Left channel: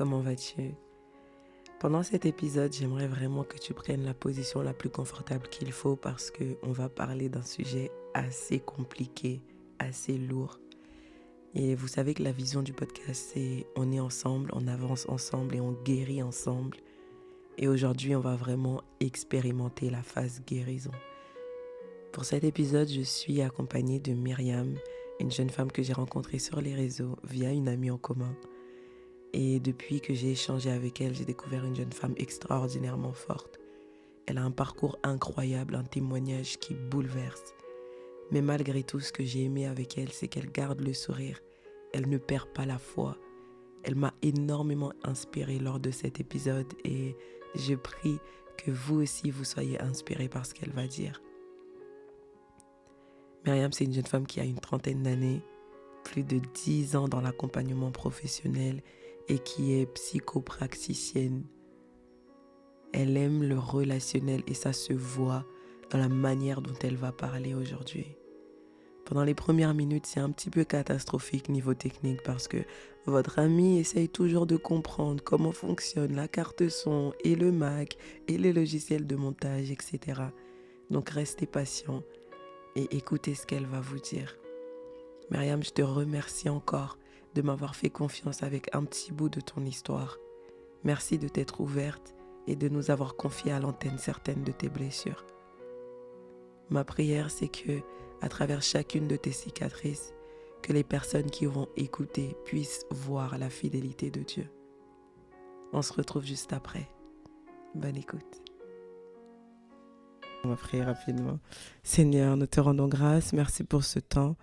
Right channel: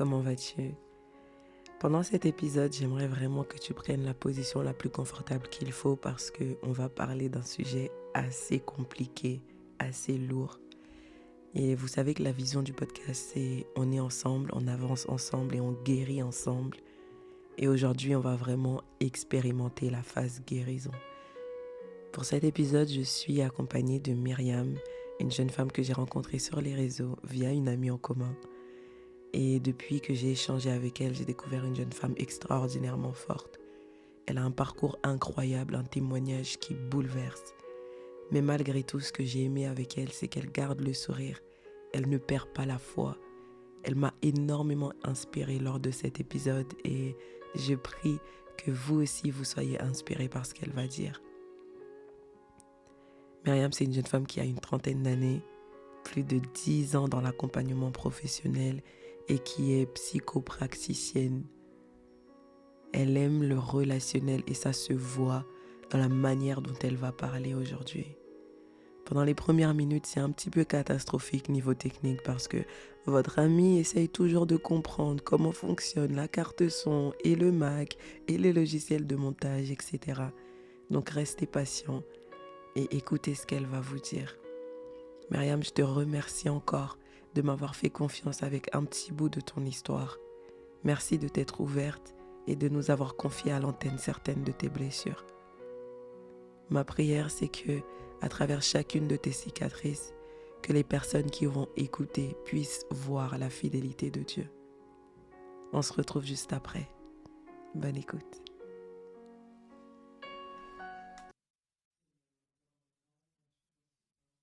comment vas-tu? Pendant cet épisode, j'aimerais vraiment que tu prennes la position la plus confortable qu'il faut parce qu'on va parler d'un sujet assez compliqué, assez lourd. Et vous savez que la vision du podcast, c'est on est ensemble, on avance ensemble et on guérit ensemble. Et aujourd'hui, on va vraiment expérimenter la phase guérison. Pour cet épisode, je suis accompagnée de Myriam, une jeune femme que j'ai rencontrée sur les réseaux via une amie en commun. Et depuis que j'ai échangé avec elle, j'ai découvert une jeune femme extraordinairement forte. Elle a un parcours incroyable, un témoignage qui bouleverse. Mais malgré tout, ce que j'ai aimé avec elle, c'est qu'elle garde le sourire. Elle ne perd pas la foi. Elle m'a énormément inspirée lors de cet épisode et je prie que vous aussi vous soyez inspirés par ce qu'elle va dire. Myriam, c'est une jeune femme qui a une trentaine d'années, plus de 10 ans dans l'accompagnement professionnel et qui est psychopraticienne. Elle aime le relationnel et ça se voit dans la manière dont elle va parler aujourd'hui. Pendant les premières minutes, c'est un petit peu catastrophique niveau technique parce que votre amie essaye toujours de comprendre comment fonctionne la carte son et le Mac et les logiciels de montage, etc. Donc restez patient et écoutez ce qu'elle va vous dire. Myriam, je te remercie encore de m'avoir fait confiance avec un petit bout de ton histoire. Merci de t'être ouverte et de nous avoir confié à l'antenne certaines de tes blessures. Ma prière, c'est que, à travers chacune de tes cicatrices, que les personnes qui vont écouter puissent voir la fidélité de Dieu. On se retrouve juste après. Bonne écoute. On va prier rapidement. Seigneur, nous te rendons grâce. Merci pour ce temps.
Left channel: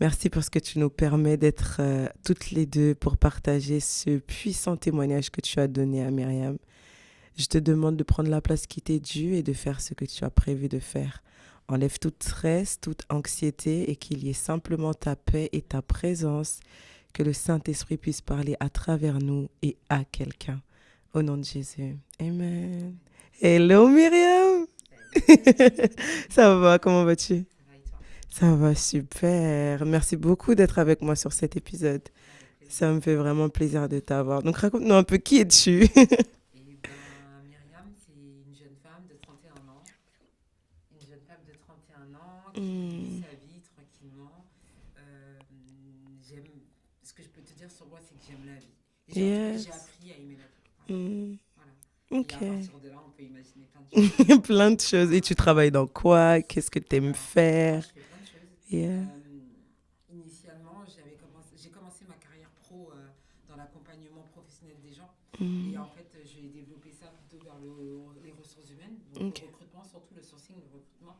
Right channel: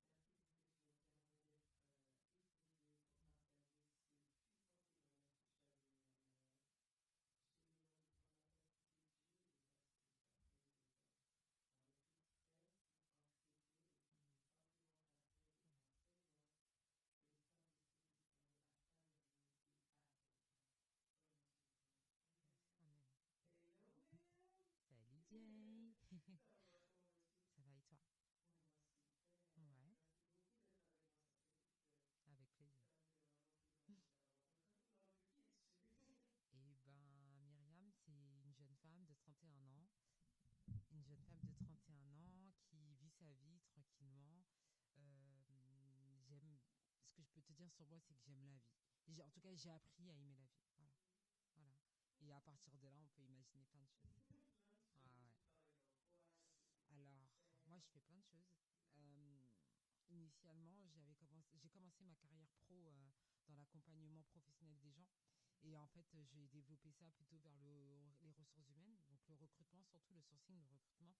Merci parce que tu nous permets d'être toutes les deux pour partager ce puissant témoignage que tu as donné à Myriam. Je te demande de prendre la place qui t'est due et de faire ce que tu as prévu de faire. Enlève toute stress, toute anxiété et qu'il y ait simplement ta paix et ta présence, que le Saint-Esprit puisse parler à travers nous et à quelqu'un. Au nom de Jésus. Amen. Hello Myriam. Ça va, comment vas-tu? Ça va super. Merci beaucoup d'être avec moi sur cet épisode. Ça me fait vraiment plaisir de t'avoir. Donc raconte-nous un peu qui es-tu? Myriam, c'est une jeune femme de 31 ans. Une jeune femme de 31 ans qui vit Mm, sa vie tranquillement. Euh, j'aime, ce que je peux te dire sur moi, c'est que j'aime la vie. En tout cas, j'ai yes. appris à aimer la vie. Voilà. Mm, Voilà. Et à ok. partir de là, on peut imaginer plein de choses. Plein de choses. Et tu travailles dans quoi? Qu'est-ce que tu aimes Alors, faire? je fais plein de choses. Yeah. Initialement, j'ai commencé ma carrière pro dans l'accompagnement professionnel des gens. Et Mm, en fait, j'ai développé ça plutôt vers les ressources humaines, donc le ok. recrutement, surtout le sourcing, le recrutement.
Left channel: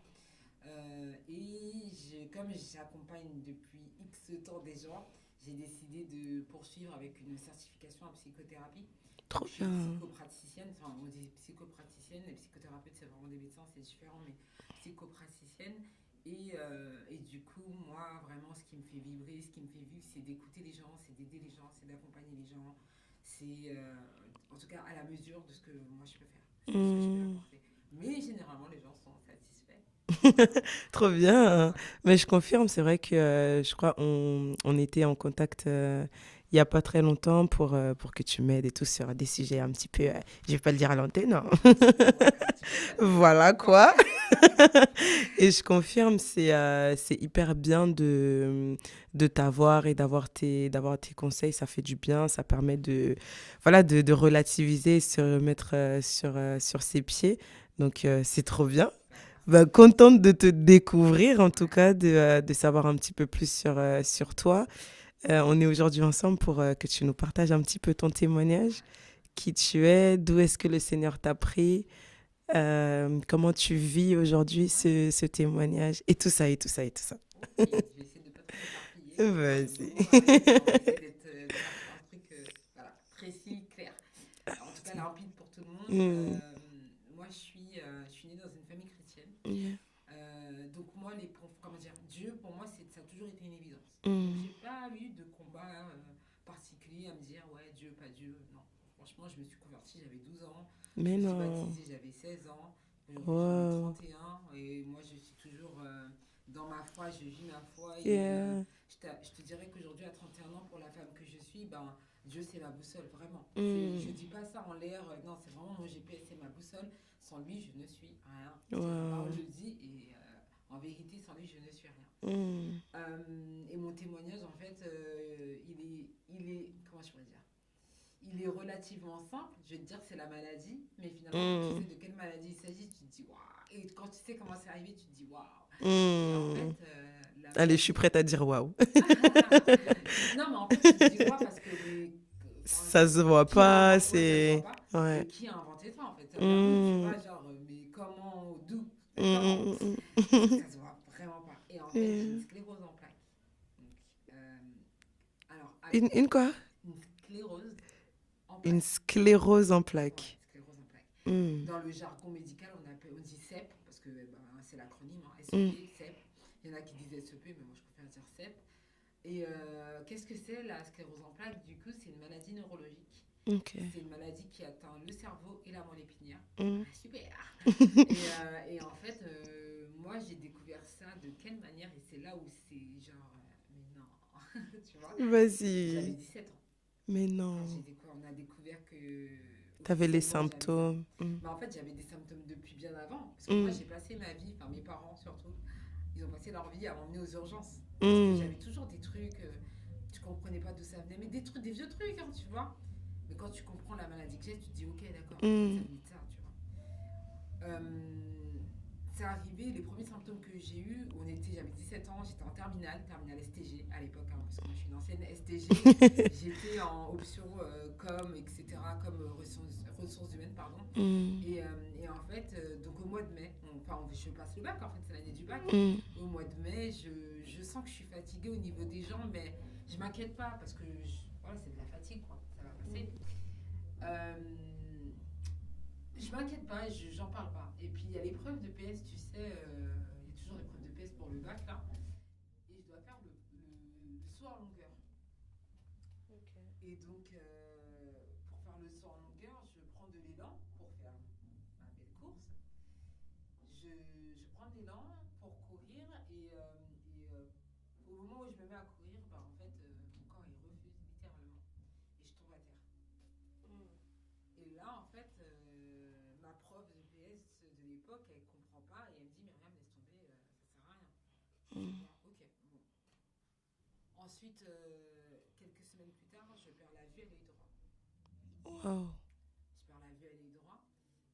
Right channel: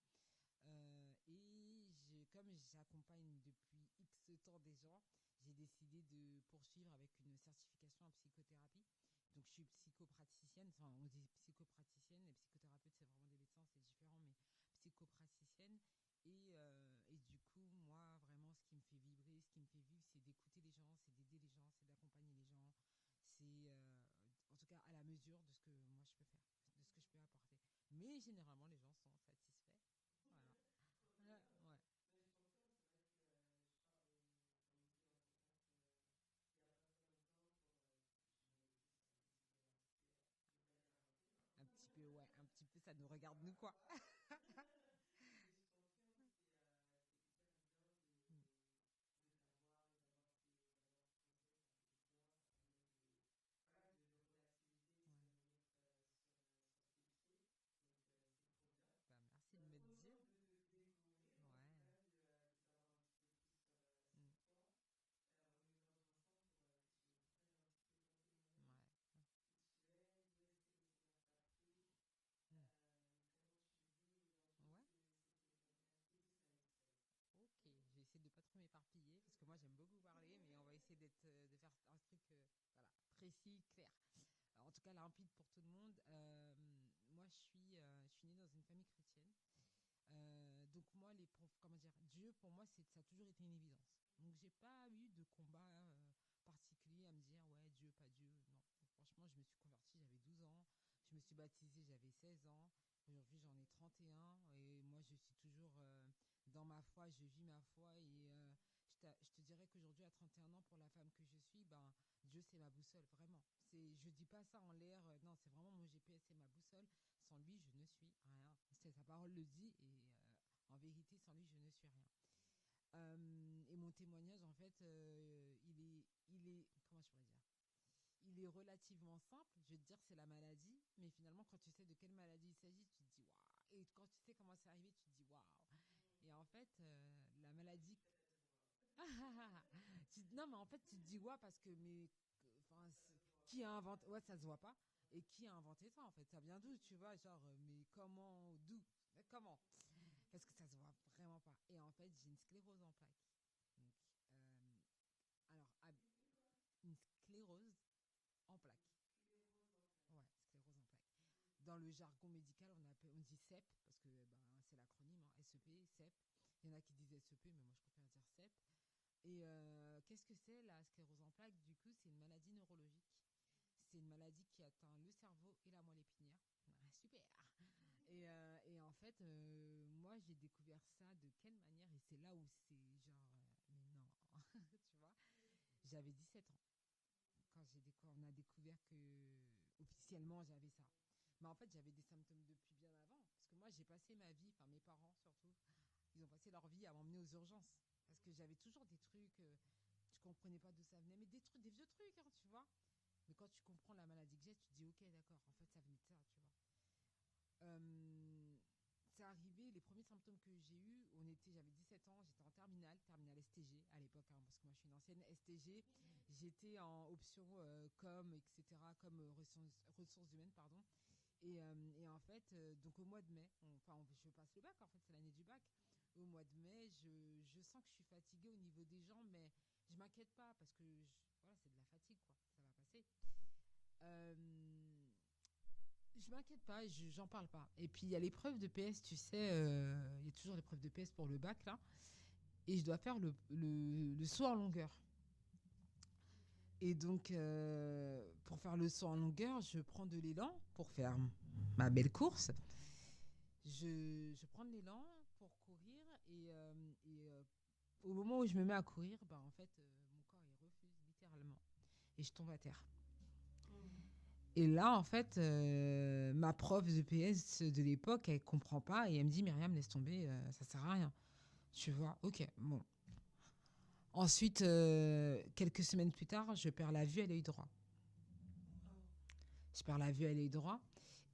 Comme j'accompagne depuis X temps des gens, j'ai décidé de poursuivre avec une certification en psychothérapie. Donc Trop je suis bien. psychopraticienne, enfin on dit psychopraticienne, les psychothérapeutes c'est vraiment des médecins, c'est différent, mais psychopraticienne. Et du coup, moi, vraiment, ce qui me fait vibrer, ce qui me fait vivre, c'est d'écouter les gens, c'est d'aider les gens, c'est d'accompagner les gens. En tout cas, à la mesure de ce que moi je peux faire, de ce que je peux Mm. apporter. Mais généralement, les gens sont satisfaits. Trop bien. Voilà. Mais je confirme, c'est vrai que je crois on était en contact il n'y a pas très longtemps pour que tu m'aides et tout sur des sujets un petit peu, je vais pas le dire à l'antenne, non. Tu peux pas dire Voilà n'importe quoi. quoi. Et je confirme, c'est hyper bien de t'avoir et d'avoir tes conseils. Ça fait du bien, ça permet voilà, de relativiser, se remettre sur ses pieds. Donc, c'est trop bien. Bah, Merci. contente de te découvrir, en tout cas, de savoir un petit peu plus sur toi. On est aujourd'hui ensemble pour que tu nous partages un petit peu ton témoignage, qui tu es, d'où est-ce que le Seigneur t'a pris, comment tu vis aujourd'hui Ouais. ce témoignage, et tout ça, et tout ça, et tout ça. Ok, je vais essayer de ne pas trop m'éparpiller. Vas-y. Nous, avec, on va essayer de faire un truc voilà, précis, clair. En tout cas, limpide pour tout le monde. Mm, Moi, je suis née dans une famille chrétienne. yeah. Donc moi, comment dire, Dieu, pour moi, ça a toujours été une évidence. Donc Mm. j'ai pas eu de combat particulier à me dire, ouais, Dieu, pas Dieu. Non, franchement, je me suis convertie, j'avais 12 ans. Je Mais me suis non. baptisée, j'avais 16 ans. Aujourd'hui, j'en ai Wow. 31. Et moi, je suis toujours dans ma foi, je vis ma foi. Yeah. Je te dirais qu'aujourd'hui, à 31 ans, pour la femme que je suis, ben, Dieu, c'est ma boussole, vraiment. Mm. Je dis pas ça en l'air, non, c'est vraiment mon GPS, c'est ma boussole. Sans lui, je ne suis rien. La parole Wow. le dit, et en vérité, sans lui, je ne suis rien. Mm. Et mon témoignage, en fait, comment je pourrais dire, il est relativement simple. Je vais te dire que c'est la maladie, mais finalement, quand tu Mm. sais de quelle maladie il s'agit, tu te dis waouh. Et quand tu sais comment c'est arrivé, tu te dis waouh. Et en Mm. fait, la Allez, je suis maladie. prête à dire waouh. Non, mais en fait, tu te dis waouh parce que enfin, Ça se voit qui a pas, inventé, ouais, ça se voit c'est... pas. Ouais. Et qui a inventé ça en fait? Ça vient d'où, tu Mm. vois, genre, mais comment, d'où, Mm, mais comment? mm, Ça se voit vraiment pas. Et en fait, j'ai une mm. sclérose en plaques. Donc, alors, Une quoi? une sclérose en Une plaques. sclérose en Ouais, plaques. sclérose en plaques. Mm. Dans le jargon médical, on dit CEP, parce que c'est l'acronyme, hein, Mm. SEP, CEP. Il y en a qui disent SEP, mais moi je préfère dire CEP. Et qu'est-ce que c'est la sclérose en plaques? Du coup, c'est une maladie neurologique. Ok. C'est une maladie qui atteint le cerveau et la moelle épinière. Mm. Ah, super. Et en fait, moi, j'ai découvert ça de quelle manière? Et c'est là où c'est genre, mais non, tu vois. J'avais Vas-y. 17 ans. Mais Quand non. on a découvert que T'avais les officiellement j'avais ça. symptômes. Mm. Mais en fait, j'avais des symptômes depuis bien avant. Parce que moi, Mm. j'ai passé ma vie, enfin mes parents surtout, ils ont passé leur vie à m'emmener aux urgences. Parce que Mm. j'avais toujours des trucs, tu comprenais pas d'où ça venait, mais des trucs, des vieux trucs, hein, tu vois. Mais quand tu comprends la maladie que j'ai, tu te dis, ok, d'accord, en fait, ça Mm. venait de ça, tu vois. C'est arrivé, les premiers symptômes que j'ai eus, j'avais 17 ans, j'étais en terminale STG à l'époque, hein, parce que moi je suis une ancienne STG. J'étais en option com, etc., comme ressources humaines, pardon. Mm. Et en fait, donc au mois de mai, je passe le bac, en fait, c'est l'année du bac. Mm. Au mois de mai, je sens que je suis fatiguée au niveau des jambes, mais je m'inquiète pas parce que voilà, c'est de la fatigue, quoi. Ça va passer. Euh, je m'inquiète pas, j'en parle pas. Et puis il y a l'épreuve de PS, tu sais, il y a toujours l'épreuve de PS pour le bac là. Et je dois faire le saut en longueur. Et donc, pour faire le saut en longueur, je prends de l'élan pour faire ma belle course. Je prends de l'élan pour courir au moment où je me mets à courir, bah, en fait, mon corps il refuse littéralement. Et je tombe à terre. Et là, en fait, ma prof de PS de l'époque, elle comprend pas et elle me dit Myriam, laisse tomber, ça sert à rien. Tu vois, ok, bon. Ensuite, quelques semaines plus tard, je perds la vue à l'œil droit. Wow. Je perds la vue à l'œil droit.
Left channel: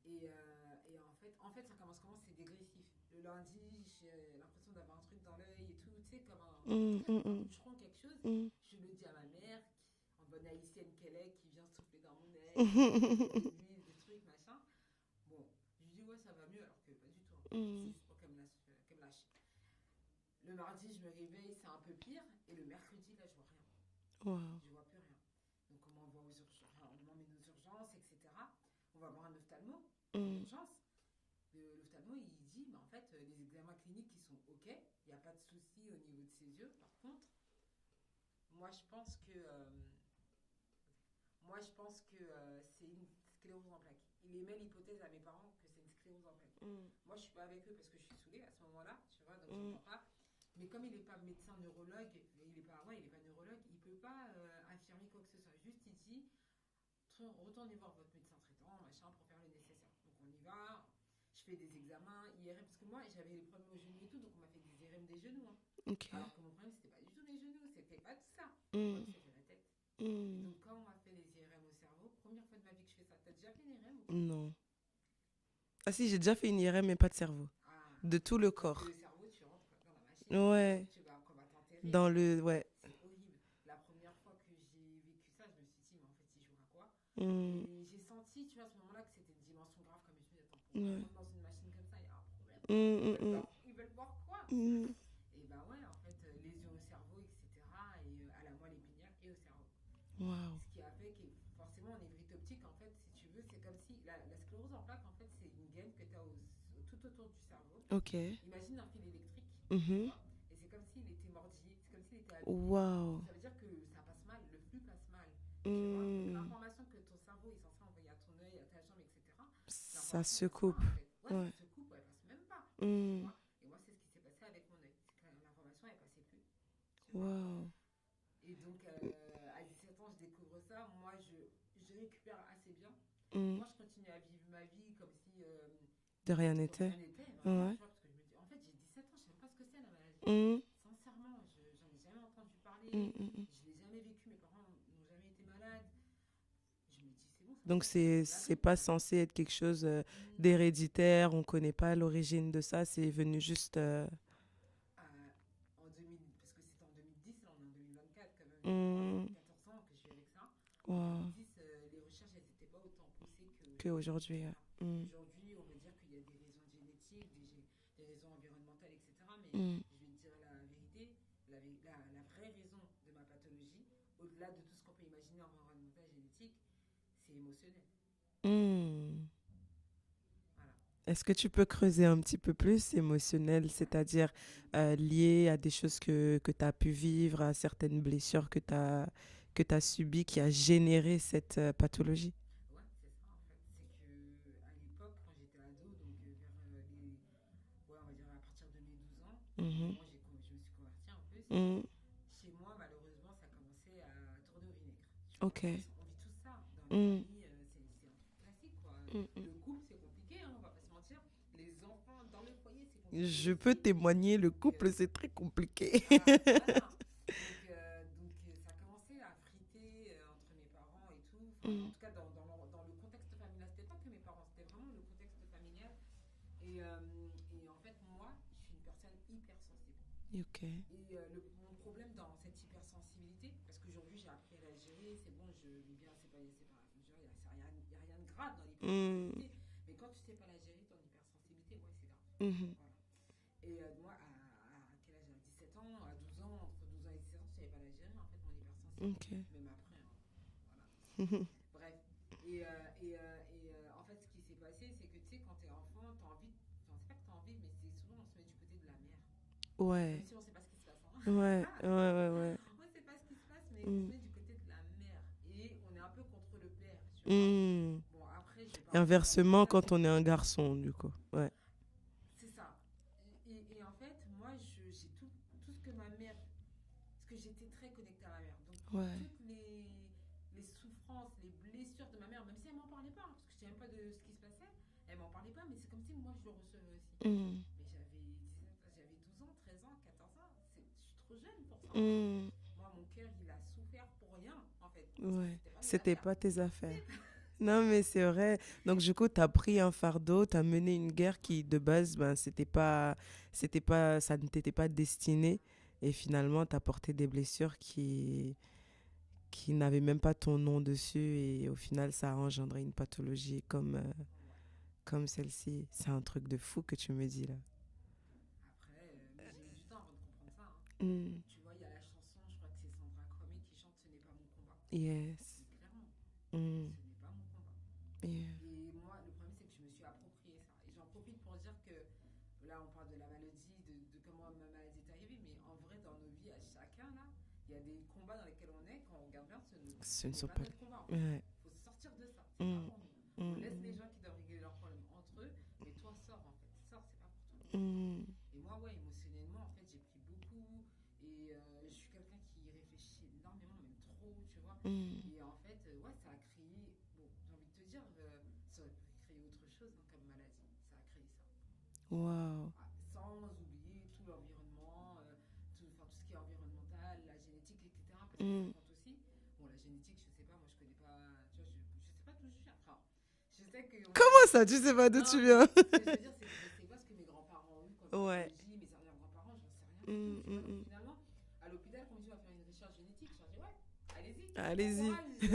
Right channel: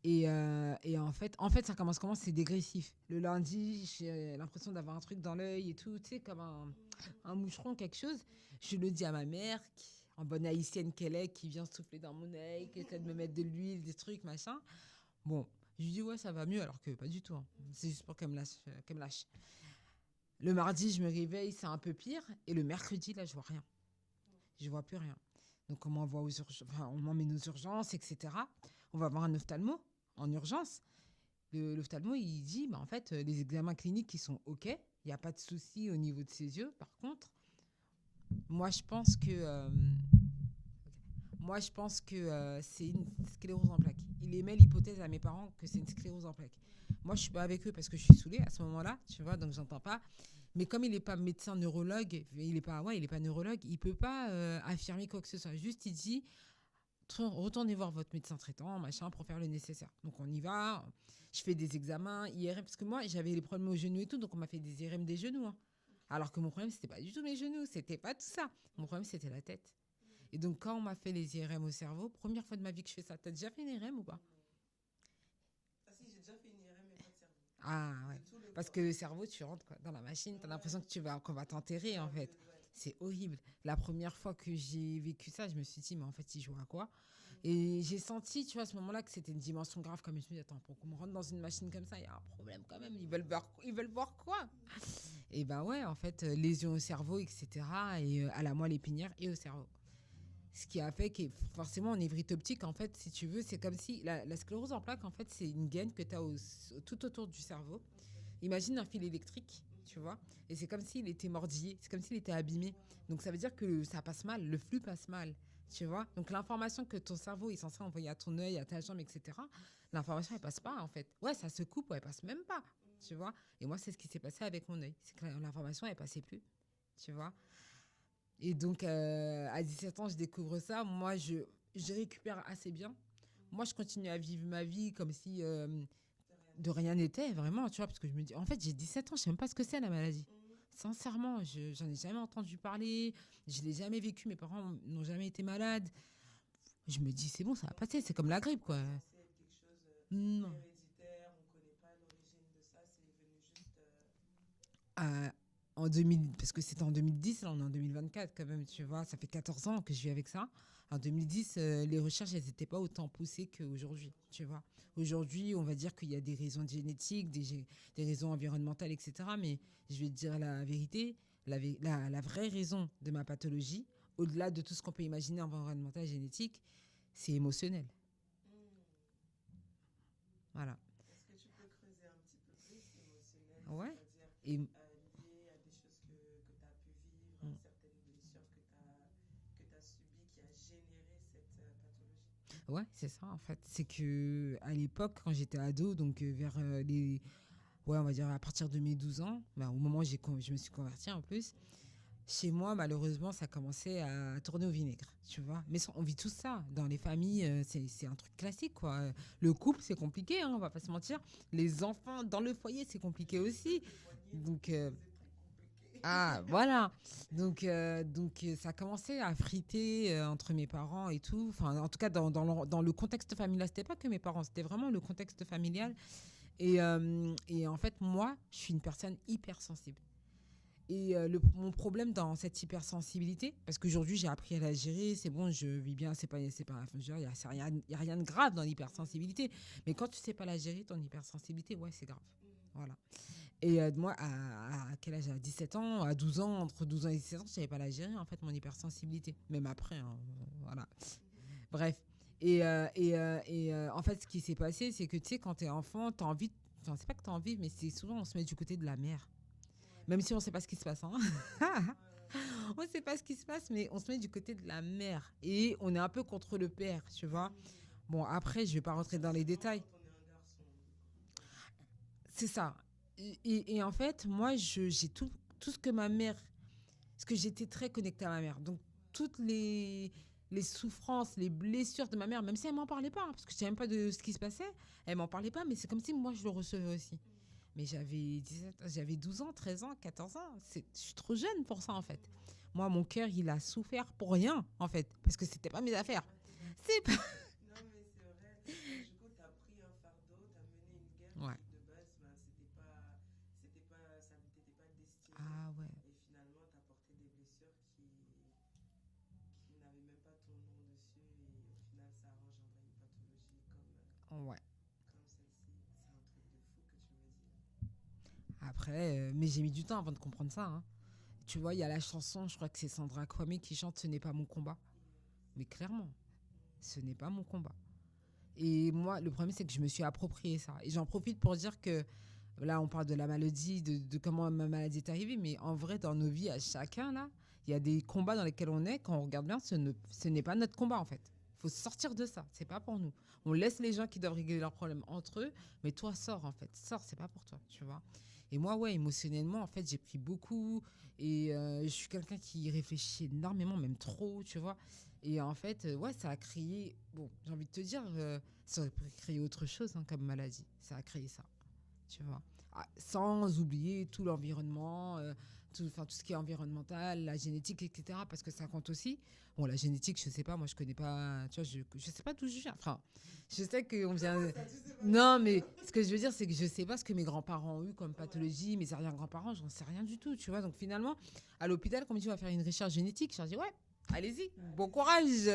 Et en fait, ça commence comment? C'est dégressif. Le lundi, j'ai l'impression d'avoir un truc dans l'œil et tout, tu sais, comme un moucheron, quelque chose. Mm. Je le dis à ma mère, en bonne haïtienne qu'elle est, qui vient souffler dans mon œil, qui vient me mettre de l'huile, des trucs, machin. Bon, je lui dis, ouais, ça va mieux, alors que pas du tout. Hein. C'est juste pour qu'elle me lâche. Le mardi, je me réveille, c'est un peu pire. Et le mercredi, là, je vois rien. Wow. Je vois plus rien. Donc, on m'envoie on m'emmène aux urgences, etc. On va voir un ophtalmo en urgence. L'ophtalmo, il dit, bah, en fait, les examens cliniques, ils sont OK. Il n'y a pas de souci au niveau de ses yeux. Par contre, moi, je pense que c'est une sclérose en plaques. Il émet l'hypothèse à mes parents que c'est une sclérose en plaques. Moi, je suis pas avec eux parce que je suis saoulée à ce moment-là, tu vois, donc j'entends pas. Mais comme il n'est pas médecin neurologue, il n'est pas neurologue, il peut pas affirmer quoi que ce soit. Juste, il dit, retournez voir votre médecin traitant, machin, pour faire le nécessaire. Donc on y va. Je fais des examens, IRM, parce que moi, j'avais les problèmes aux genoux et tout, donc on m'a fait des IRM des genoux. Hein. Okay. Alors que mon problème, c'était pas du tout mes genoux, c'était pas tout ça. Mon problème, c'était la tête. Et donc, quand on m'a fait les IRM au cerveau, première fois de ma vie que je fais ça, t'as déjà fait une IRM ou pas? Non. Ah si, j'ai déjà fait une IRM, mais pas de cerveau. Ah, de tout le parce corps. Parce que le cerveau, tu rentres quoi, dans la machine, ouais. Qu'on va t'enterrer. Dans en le... fait. Ouais. C'est horrible. La première fois que j'ai vécu ça, je me suis dit, mais en fait, il joue à quoi? Et j'ai senti, tu vois, à ce moment-là, que c'était une dimension grave. Comme je me suis dit, attends, pour qu'on rentre dans une machine comme ça, il y a un problème. Ils veulent voir quoi? Et ben ouais, en fait, lésions au cerveau, etc. Et à la moelle épinière et au cerveau. Wow. Ce qui a fait que forcément en névrite optique, en fait, si tu veux, c'est comme si la sclérose en plaques, en fait, c'est une gaine que tu as tout autour du cerveau. Okay. Imagine un fil électrique, tu vois, et c'est comme s'il était mordillé, c'est comme s'il était abîmé. Wow. Donc ça veut dire que ça passe mal, le flux passe mal, tu vois. Donc l'information que ton cerveau est censé envoyer à ton œil, à ta jambe, etc., l'information elle passe pas en fait. Ouais, ça se coupe, elle passe même pas, tu vois. Et moi, c'est ce qui s'est passé avec mon œil, c'est que l'information elle passait plus, tu vois. Et donc, à 17 ans, je découvre ça. Moi, je récupère assez bien. Moi, je continue à vivre ma vie comme si de rien n'était, vraiment, Ouais. tu vois, parce que je me dis, en fait, j'ai 17 ans, je sais même pas ce que c'est la maladie. Sincèrement, j'en ai jamais entendu parler, je l'ai jamais vécu, mes parents n'ont jamais été malades. Je me dis, c'est bon, ça va Donc, passer, c'est comme la grippe. C'est pas censé être quelque chose d'héréditaire, on connaît pas l'origine de ça, c'est venu juste... En 2000, parce que c'était en 2010, là on est en 2024 quand même, tu vois, ça fait 14 ans que je vis avec ça. En 2010, les recherches, elles n'étaient pas autant poussées qu'aujourd'hui. Aujourd'hui, on va dire qu'il y a des raisons génétiques, des raisons environnementales, etc. Mais je vais te dire la vérité, la vraie raison de ma pathologie, au-delà de tout ce qu'on peut imaginer environnemental et génétique, c'est émotionnel. Voilà. Est-ce que tu peux creuser un petit peu plus émotionnel, c'est-à-dire lié à des choses que tu as pu vivre, à certaines blessures que tu as subies, qui a généré cette pathologie? Ouais, c'est ça en fait. C'est que à l'époque, quand j'étais ado, donc vers on va dire à partir de mes 12 ans, au moment où je me suis convertie en plus, chez moi, malheureusement, ça commençait à tourner au vinaigre. Tu vois. Mais on vit tout ça. Dans les familles, c'est un truc classique, quoi. Le couple, c'est compliqué, hein, on va pas se mentir. Les enfants dans le foyer, c'est compliqué aussi. Je peux témoigner, le couple, c'est très compliqué. Voilà. Donc, ça commençait à friter entre mes parents et tout. Enfin, en tout cas, dans le contexte familial, c'était pas que mes parents, c'était vraiment le contexte familial. Et en fait, moi, je suis une personne hypersensible. Et mon problème dans cette hypersensibilité, parce qu'aujourd'hui j'ai appris à la gérer, c'est bon, je vis bien, il n'y a rien de grave dans l'hypersensibilité, mais quand tu sais pas la gérer, ton hypersensibilité, ouais, c'est grave. Voilà. Et moi, à quel âge? À 17 ans, à 12 ans, entre 12 ans et 17 ans, je savais pas la gérer, en fait, mon hypersensibilité. Même après, hein, voilà. Bref. Et en fait, ce qui s'est passé, c'est que, tu sais, quand tu es enfant, tu as envie, enfin, c'est pas que tu as envie, mais c'est souvent, on se met du côté de la mère. Même si on ne sait pas ce qui se passe. Hein. On ne sait pas ce qui se passe, mais on se met du côté de la mère. Et on est un peu contre le père, tu vois. Bon, après, je vais pas rentrer inversement, dans les détails. quand on est un garçon, du coup. C'est ça. Et en fait, moi, j'ai tout ce que ma mère... Parce que j'étais très connectée à ma mère. Donc, toutes les souffrances, les blessures de ma mère, même si elle ne m'en parlait pas, hein, parce que je ne savais même pas de ce qui se passait, elle ne m'en parlait pas, mais c'est comme si moi, je le recevais aussi. Mais j'avais 12 ans, 13 ans, 14 ans. Je suis trop jeune pour ça, en fait. Moi, mon cœur, il a souffert pour rien, en fait, parce que ce n'était pas mes affaires. C'était pas tes affaires. Non, mais c'est vrai. Donc, du coup, tu as pris un fardeau, tu as mené une guerre qui, de base, ben, ça ne t'était pas destiné. Et finalement, tu as porté des blessures qui n'avaient même pas ton nom dessus. Et au final, ça a engendré une pathologie comme celle-ci. C'est un truc de fou que tu me dis là. Après, mais j'ai mis du temps avant de comprendre ça. Hein. Tu vois, il y a la chanson, je crois que c'est Sandra Kwame qui chante « Ce n'est pas mon combat ». Yes. Mais clairement, ce n'est pas mon combat. Et moi, le problème, c'est que je me suis approprié ça. Et j'en profite pour dire que, là, on parle de la maladie, de comment ma maladie est arrivée, mais en vrai, dans nos vies, à chacun, là, il y a des combats dans lesquels on est. Quand on regarde bien, ce n'est pas notre combat, en fait. Il faut sortir de ça. C'est pas pour nous. On laisse les gens qui doivent régler leurs problèmes entre eux, mais toi, sors, en fait. Sors, c'est pas pour toi, tu vois. Et moi, émotionnellement, en fait, j'ai pris beaucoup. Et je suis quelqu'un qui réfléchit énormément, même trop, tu vois. Et en fait, ça a créé... Bon, j'ai envie de te dire, ça aurait pu créer autre chose hein, comme maladie. Ça a créé ça. Tu vois. Sans oublier tout l'environnement, tout ce qui est environnemental, la génétique, etc. Parce que ça compte aussi. Bon, la génétique, je sais pas, moi je connais pas, tu vois, je sais pas d'où je viens. Enfin, je sais que... Comment ça, tu sais pas d'où tu viens? Ce que je veux dire, c'est que je sais pas ce que mes grands-parents ont eu comme pathologie, mes arrière-grands-parents, j'en sais rien du tout, tu vois. Donc finalement, à l'hôpital, quand on me dit on va faire une recherche génétique, je leur dis ouais. Allez-y, bon courage.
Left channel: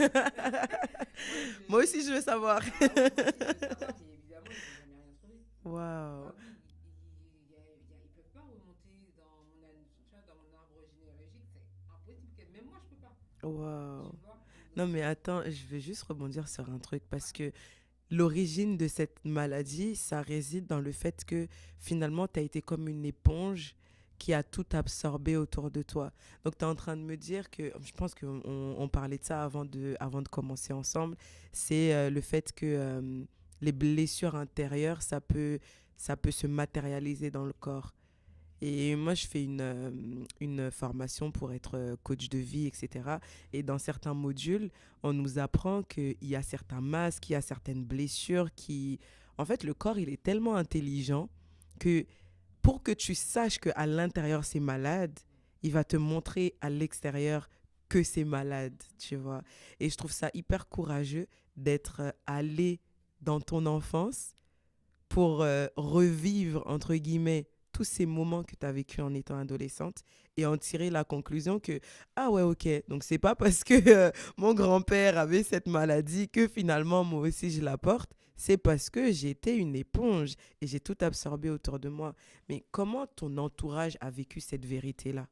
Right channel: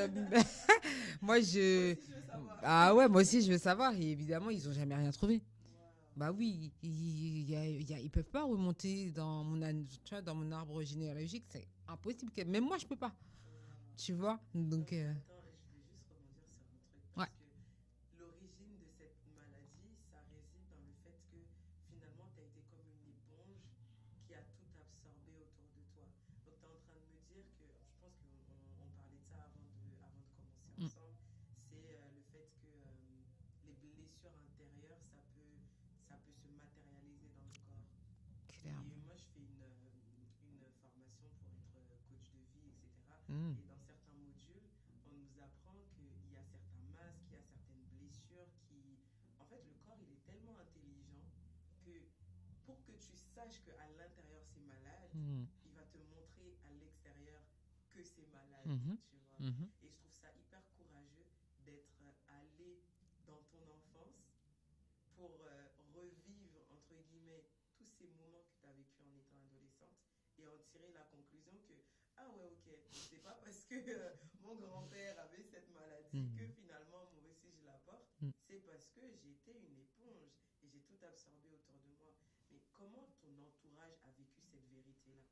Moi aussi, je veux savoir. Ah ouais, moi aussi, je veux savoir. Et évidemment, ils n'ont jamais rien trouvé. Bah oui, ils peuvent pas remonter dans mon arbre généalogique. C'est impossible. Même moi, je peux pas. Tu vois. Donc, non, mais attends, je veux juste rebondir sur un truc parce que l'origine de cette maladie, ça réside dans le fait que finalement, tu as été comme une éponge qui a tout absorbé autour de toi. Donc, tu es en train de me dire que, je pense qu'on parlait de ça avant de commencer ensemble, c'est le fait que les blessures intérieures, ça peut se matérialiser dans le corps. Et moi, je fais une formation pour être coach de vie, etc. Et dans certains modules, on nous apprend qu'il y a certains masques, il y a certaines blessures qui... En fait, le corps, il est tellement intelligent que pour que tu saches qu'à l'intérieur, c'est malade, il va te montrer à l'extérieur que c'est malade, tu vois. Et je trouve ça hyper courageux d'être allé dans ton enfance pour revivre, entre guillemets, tous ces moments que tu as vécu en étant adolescente et en tirer la conclusion que, ah ouais, ok, donc c'est pas parce que mon grand-père avait cette maladie que finalement moi aussi je la porte, c'est parce que j'étais une éponge et j'ai tout absorbé autour de moi. Mais comment ton entourage a vécu cette vérité-là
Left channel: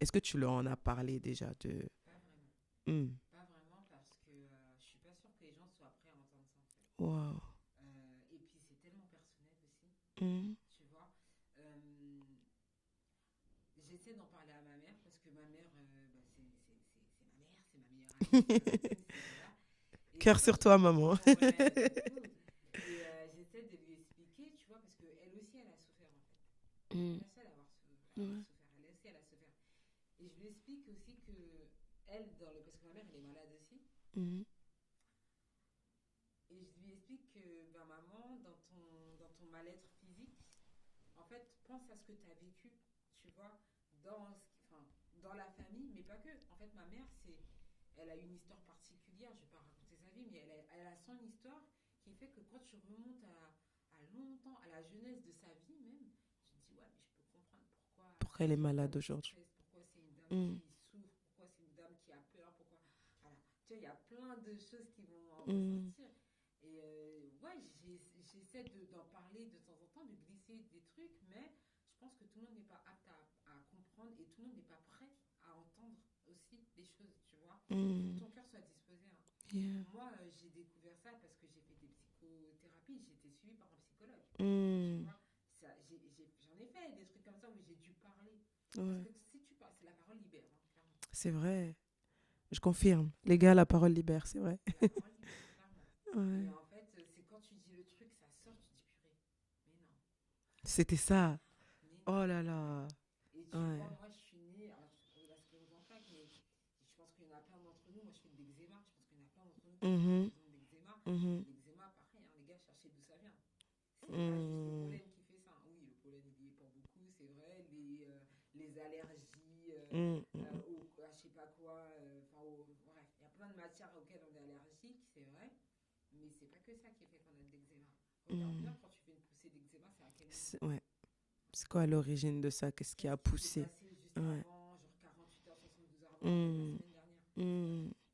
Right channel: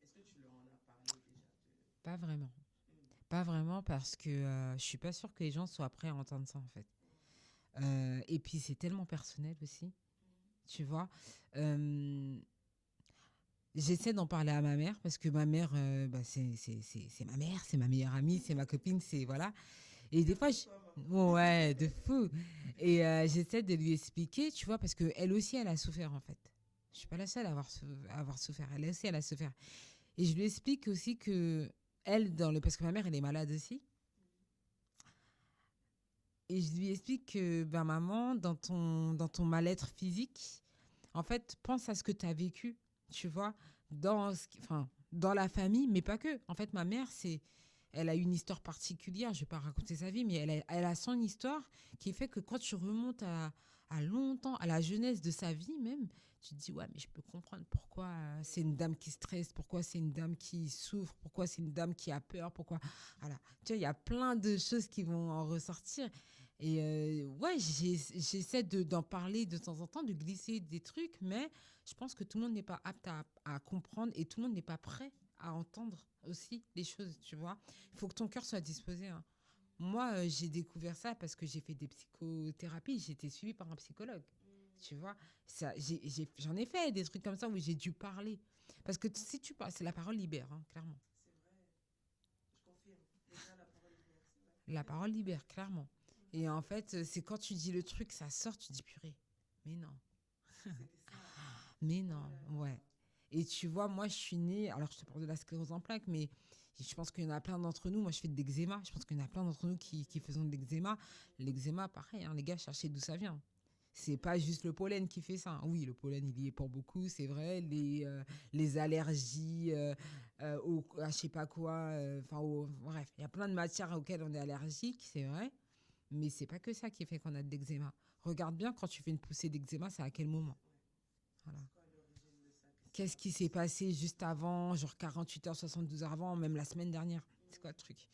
est-ce que tu leur en as parlé déjà de... Pas vraiment. Mm. Pas vraiment parce que je suis pas sûre que les gens soient prêts à entendre ça en fait. Wow. Et puis c'est tellement personnel aussi, tu vois. J'essaie d'en parler à ma mère parce que ma mère, c'est ma mère, c'est ma meilleure amie, c'est ma copine, c'est voilà. Et cœur sur toi, maman. Ouais, de fou. Et j'essaie de lui expliquer, tu vois, parce que elle aussi, elle a souffert en fait. Je suis pas la seule à avoir souffert. Elle aussi, elle a souffert. Et je lui explique aussi que elle, parce que ma mère, elle est malade aussi. Et je lui explique que, maman, dans ton mal-être physique, en fait, pense à ce que tu as vécu, tu vois, dans la famille, mais pas que. En fait, ma mère, elle a une histoire particulière. Je ne vais pas raconter sa vie, mais elle a son histoire qui fait que quand tu remontes à longtemps, à la jeunesse de sa vie même, tu te dis, ouais, mais je peux comprendre pourquoi elle est c'est une malade dame qui stresse, pourquoi c'est une dame qui souffre, pourquoi c'est une dame qui a peur, pourquoi... Voilà. Tu vois, il y a plein de choses qui vont en ressortir. Et ouais, j'essaie d'en parler de temps en temps, de glisser des trucs, mais je pense que tout le monde n'est pas apte à comprendre et tout le monde n'est pas prêt à entendre aussi les choses, tu vois. Il faut que ton cœur soit disposé. Hein. Yeah. Moi, j'ai découvert ça parce que j'ai fait des psychothérapies, j'ai été suivie par un psychologue, tu vois. J'en ai fait des trucs comme ça où j'ai dû parler. Parce que si tu parles, c'est la parole libère, hein, clairement. C'est vrai. Je confirme. Les gars, la parole libère, c'est vrai. La parole libère, clairement. Ouais. Et en fait, c'est quand tu dis le truc, ça sort, tu dis purée. Mais non. C'était ça. Mais non. Oh là là. Ouais. Et tu vois, moi, je suis née... Alors, je te parle de la sclérose en plaques, mais je pense qu'il y en a plein d'entre nous. Moi, je fais de l'eczéma. Je pense qu'il y en a plein d'entre nous qui faisons de l'eczéma. L'eczéma, pareil, hein, les gars, cherchez d'où ça vient. C'est pas juste le pollen qui fait ça. Oui, le pollen, il y est pour beaucoup, c'est vrai. Les allergies, je sais pas quoi. Bref, il y a plein de matières auxquelles on est allergique, c'est vrai. Mais c'est pas que ça qui fait qu'on a de l'eczéma. Regarde bien quand tu fais une poussée d'eczéma, c'est à quel moment? Ouais. Voilà. C'est quoi l'origine de ça? Qu'est-ce qui s'est passé juste avant, genre 48 heures, 72 heures avant, même la semaine dernière? C'est quoi le truc?